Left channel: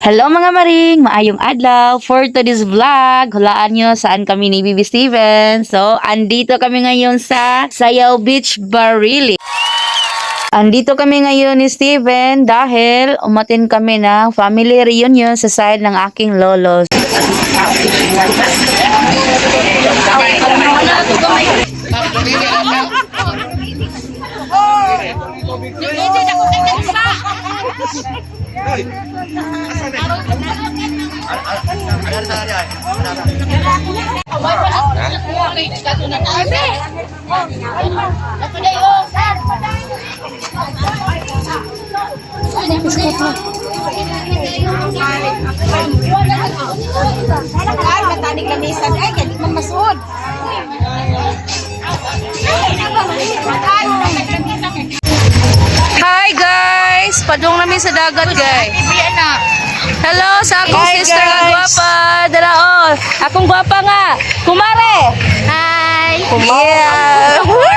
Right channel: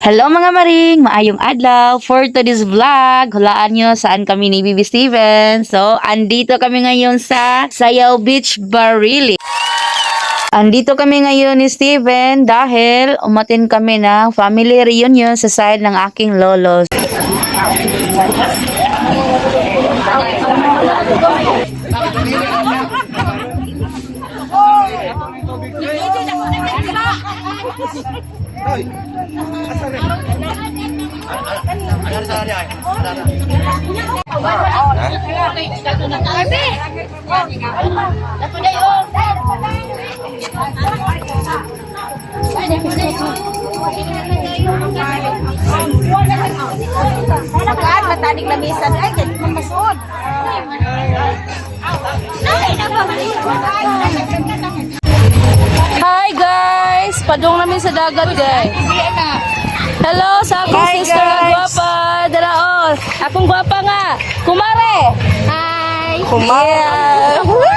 Hello mga maring, maayong adlaw. For today's vlog, hulaan nyo saan kami ni Bibi Steven. So, andito kami ngayon sa Sayaw Beach, Barili. Andito kami ngayon ni Steven dahil umatin kami ng family reunion sa side ng aking lolos. Hi guys! Padung namin sa dagat guys. Hello sa akong sister nga gwapa. Dalaon. Akong gwapa nga. Kumare. Hi. Kumare. Yeah.